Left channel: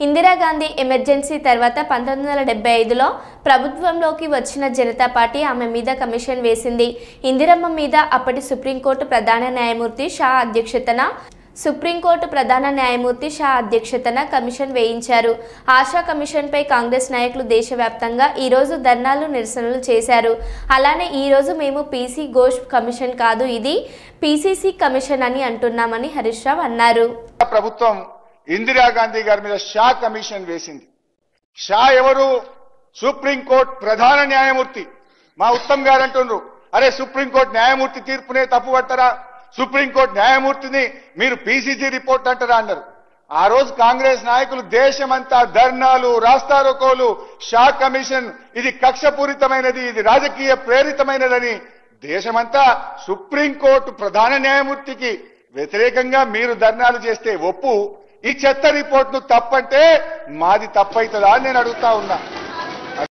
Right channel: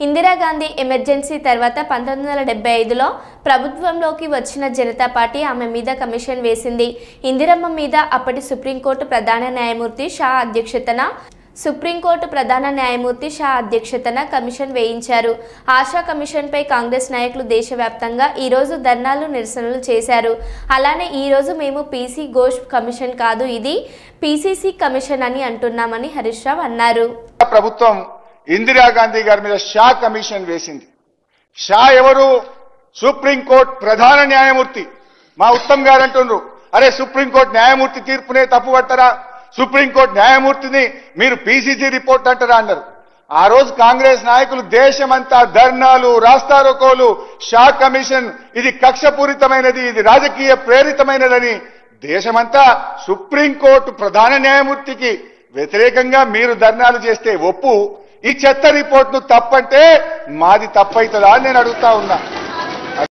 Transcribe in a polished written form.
Indira Gandhi emergency తర్వాత 1975లో ప్రభుత్వంలోకి వచ్చిన జనతా పార్టీ ఆమె మీద కమిషన్ వేసింది. ఇందిరమ్మ మీద అప్పటి సుప్రీంకోర్టు ప్రధాన న్యాయమూర్తి షా అధ్యక్షతన కమిషన్ వేయించారు. ఆశా కమిషన్పై కాంగ్రెస్ నాయకులు దేశవ్యాప్తంగా ఈరోజు ధర్నాలు, నిరసనలు చేశారు. అలానే ఈరోజు మేము పీసీ ఘోష్ కమిషన్ కాదు, ఇది పీసీసీ కమిషన్ అని అంటున్నామని హరీష్ రావు అన్నారు. ప్రభుత్వం ఇందిరాగాంధీ గారి మీద షా కమిషన్ వేసింది. షా ఎవరు? సుప్రీంకోర్టు ప్రధాన న్యాయమూర్తి. మా ఉత్తమ్ గారు అంటున్నారు, అరే సుప్రీంకోర్టు న్యాయమూర్తి తీర్పునే తప్పుపట్టరా, సుప్రీంకోర్టు న్యాయమూర్తిని మీరు పీసీసీ రిపోర్ట్ అంటారా అన్నారు. ఆ రోజు కాంగ్రెస్ నాయకులు దేశమంతా ధర్నాలు, రాస్తారోకోలు, షా కమిషన్ ఇది కక్షపూరితమైనది, ఇది రాజకీయ ప్రేరితమైనదని దేశమంతా సుప్రీంకోర్టు ప్రధాన న్యాయమూర్తికి వ్యతిరేకంగా మీరు ధర్నాలు చేస్తే ఒప్పు, ఈ చెత్త రిపోర్టును తప్పంటే మాది తప్పైతుందా అని నేను అడుగుతా ఉన్నా.